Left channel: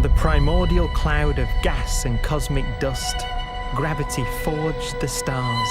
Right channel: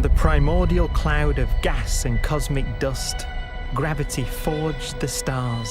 From the primordial cloud of gas and cosmic dust, gravity forged the stars.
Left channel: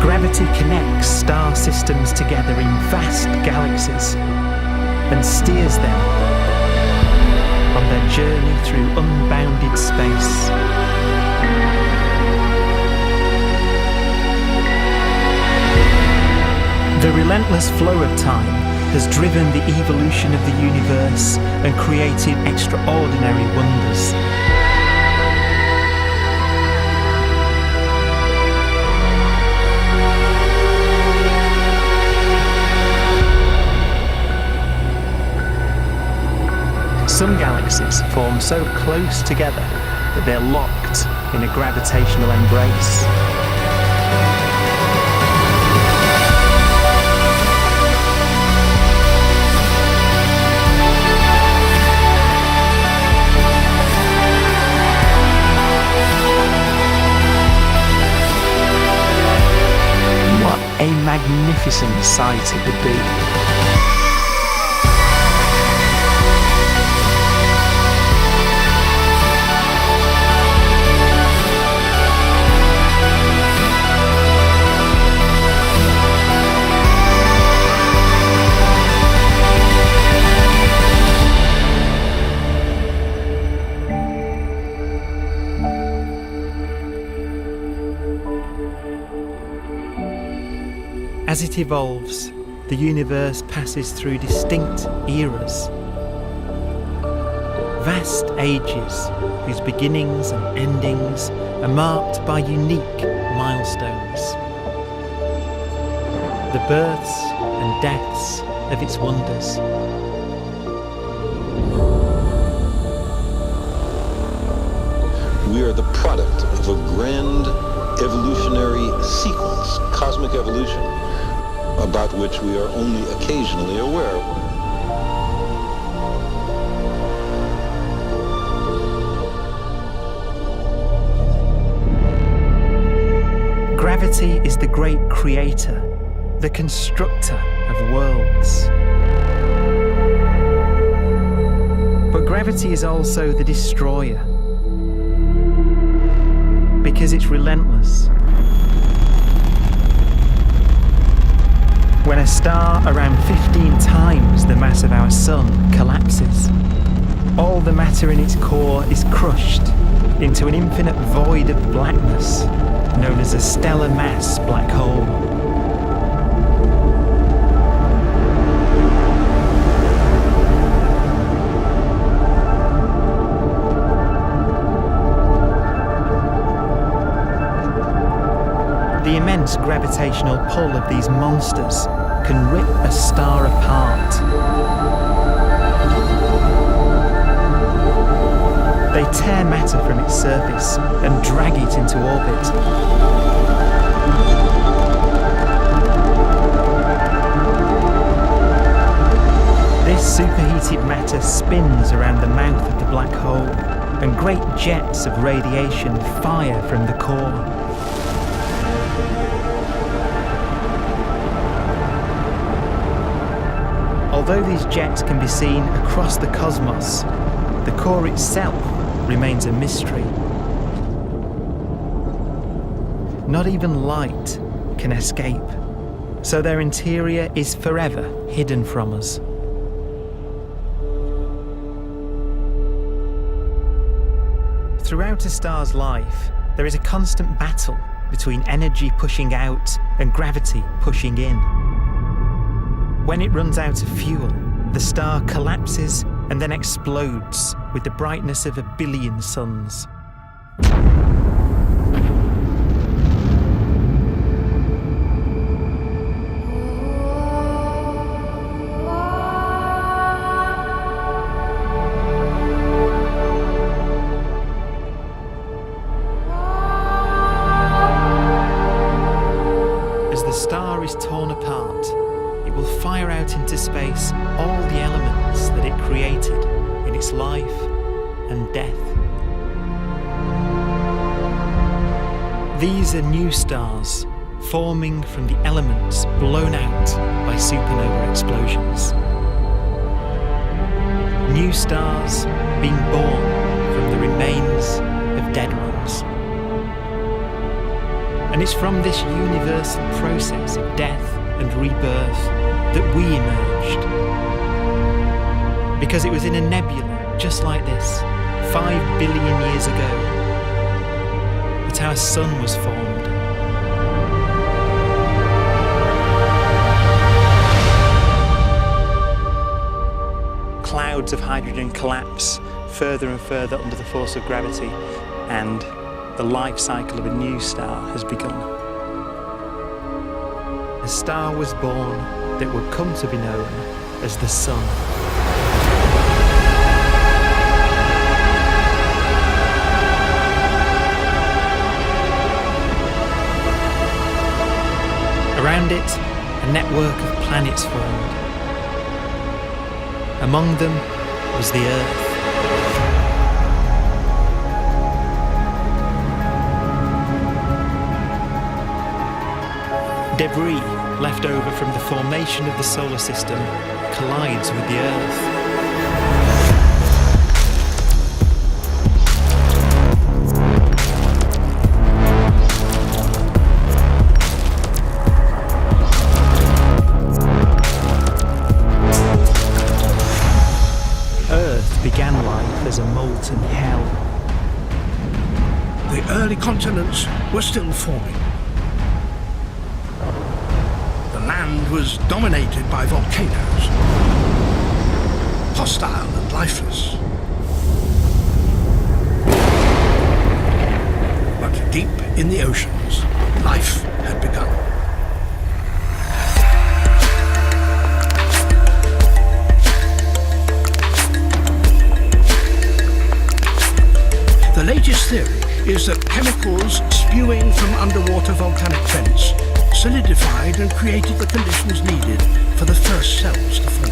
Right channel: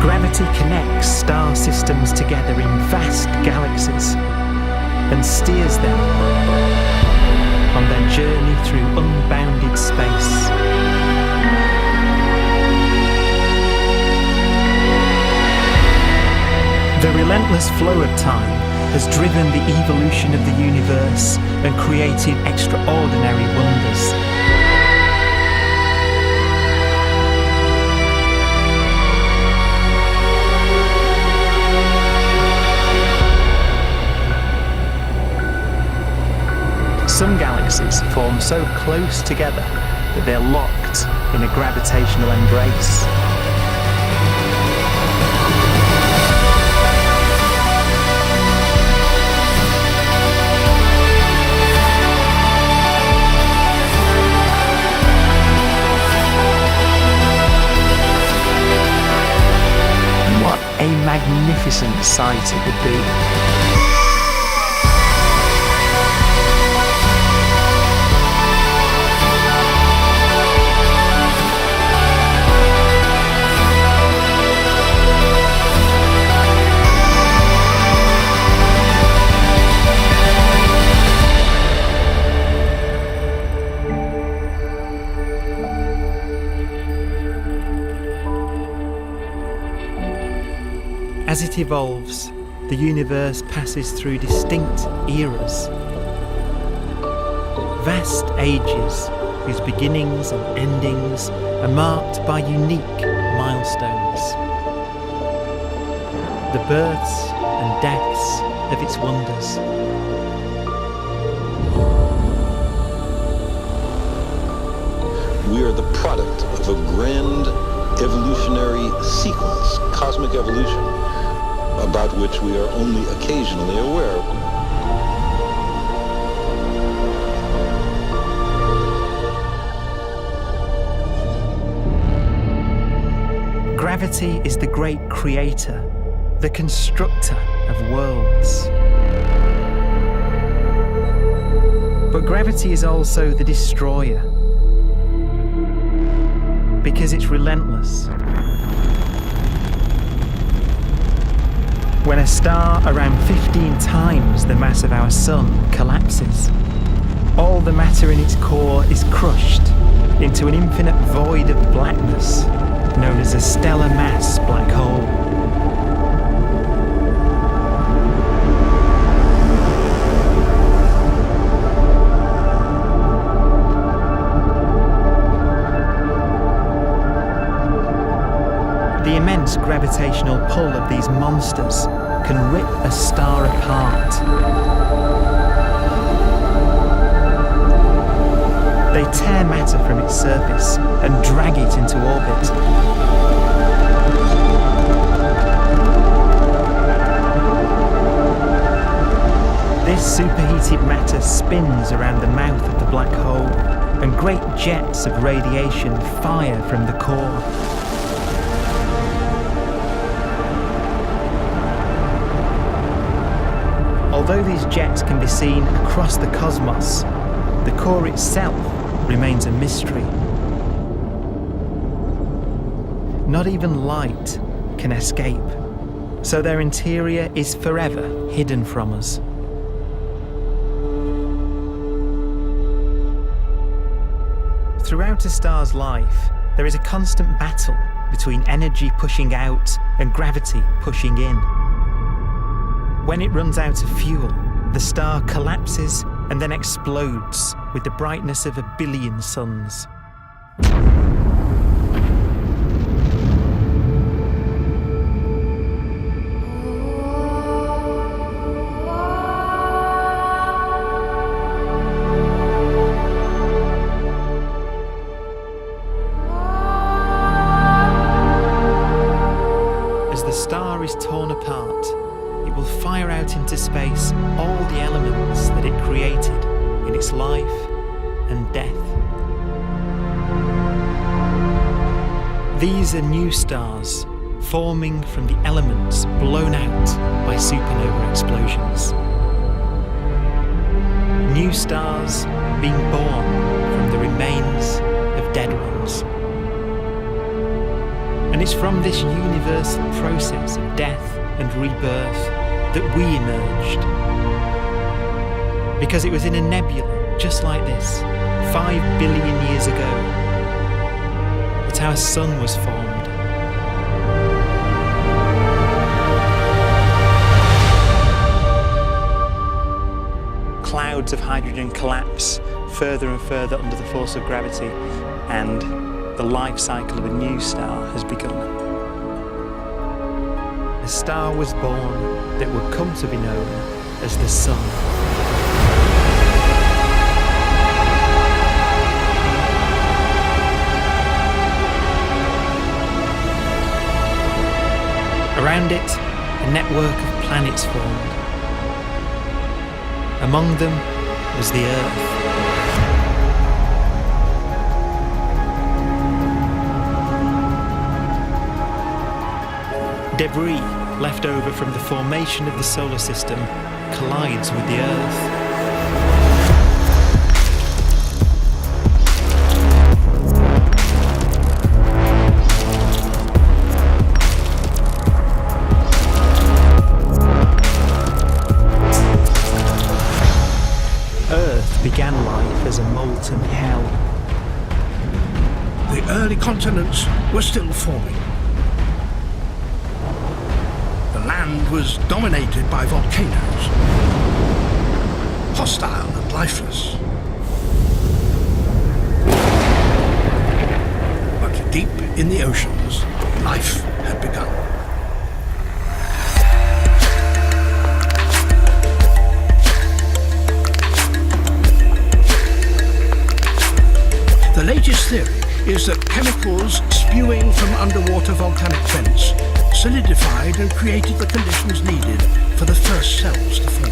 Gravity connects star systems together in vast galaxies and steers them on their journey through unbounded space. The relentless flow of time has driven the evolution of the universe and created extraordinary wonders. Some galaxies form so close together that they're locked in a gravitational embrace. What a magnificent sight it would be. As it evolves, the universe passes through distinct eras. Vast ages whose beginnings and endings are marked by unique milestones. The births and deaths of its wonders. We are the product of a grand evolutionary sequence, cosmic evolution, about which we are only occasionally aware. Gravity is the great creator, the constructor of worlds. But gravity is also the destroyer, because it's relentless. When a star around 15 times the mass of our Sun collapses, all the matter in its core is crushed into an infinite void of blackness known as a stellar mass black hole. The immense gravitational pull of these monsters can rip a star apart. They tear matter from its surface and drag it into orbit. This superheated matter spins around the mouth of the black hole, and great jets of radiation fire from the core. Although these jets can be seen across the cosmos, the core itself remains a mystery. Not even light can escape, so their interior is forever hidden from us. Throughout a star's life, there is a constant battle between energy pushing out and gravity pushing in. When it runs out of fuel, the star collapses and then explodes with the brightness of 1 billion suns. As the star is torn apart, it will fire out out into space all the elements that it created in its life and death. These are new stars forming from the elements blown out by supernova explosions. New stars being born from the remains of dead ones. And it's from this universal process of death and rebirth that we emerged. Because it was in a nebula just like this, 5 billion years ago, that our sun was formed. Clouds of hydrogen collapse further and further under the force of gravity, and the life cycle of a new star has begun. A star was born that would come to be known as the Sun. Around it, a network of planets formed. Among them was the Earth. Debris left over from the formation of the solar system collides with the Earth. Earth began life as a molten hell. The early continents were still forming. The land was dominated by volcanoes, hostile and lifeless. But deep in the oceans, life had begun. The latest theory is that chemicals spewing from underwater volcanic vents solidified and created the conditions needed for the first cells to form.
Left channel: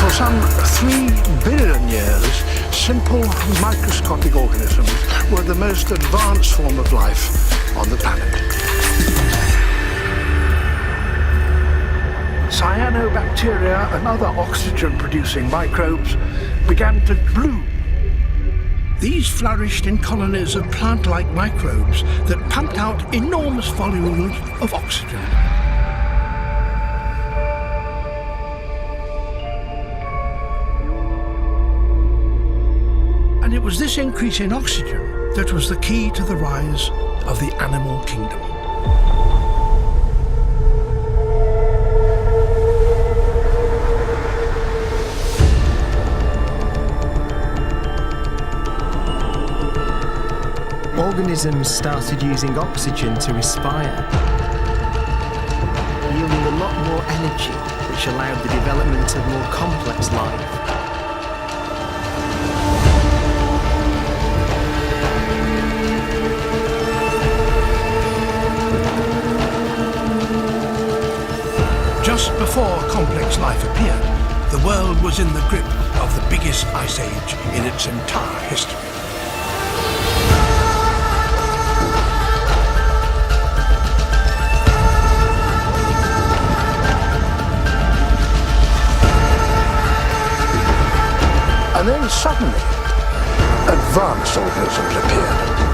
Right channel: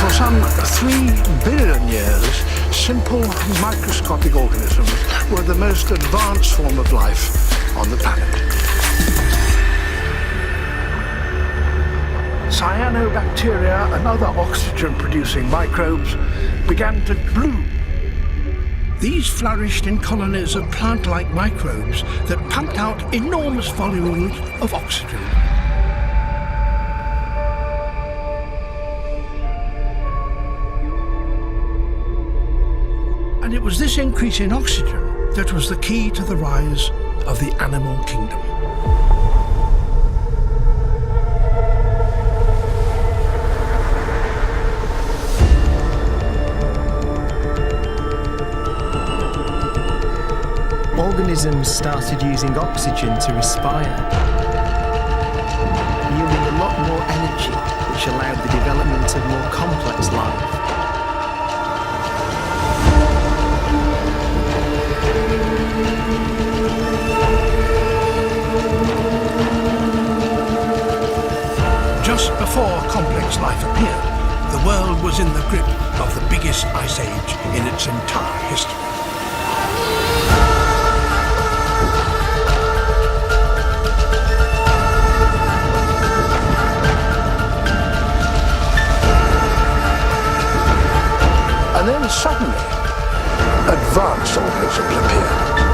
For some 3 billion years, simple microscopic organisms were the most advanced form of life on the planet. Cyanobacteria and other oxygen-producing microbes began to bloom. These flourished in colonies of plant-like microbes that pumped out enormous volumes of oxygen. And it was this increase in oxygen that was the key to the rise of the animal kingdom. Organisms started using oxygen to respire, yielding a lot more energy, which allowed the development of more complex life. Just before complex life appeared, the world was in the grip of the biggest ice age in its entire history. And then suddenly, advanced organisms appeared.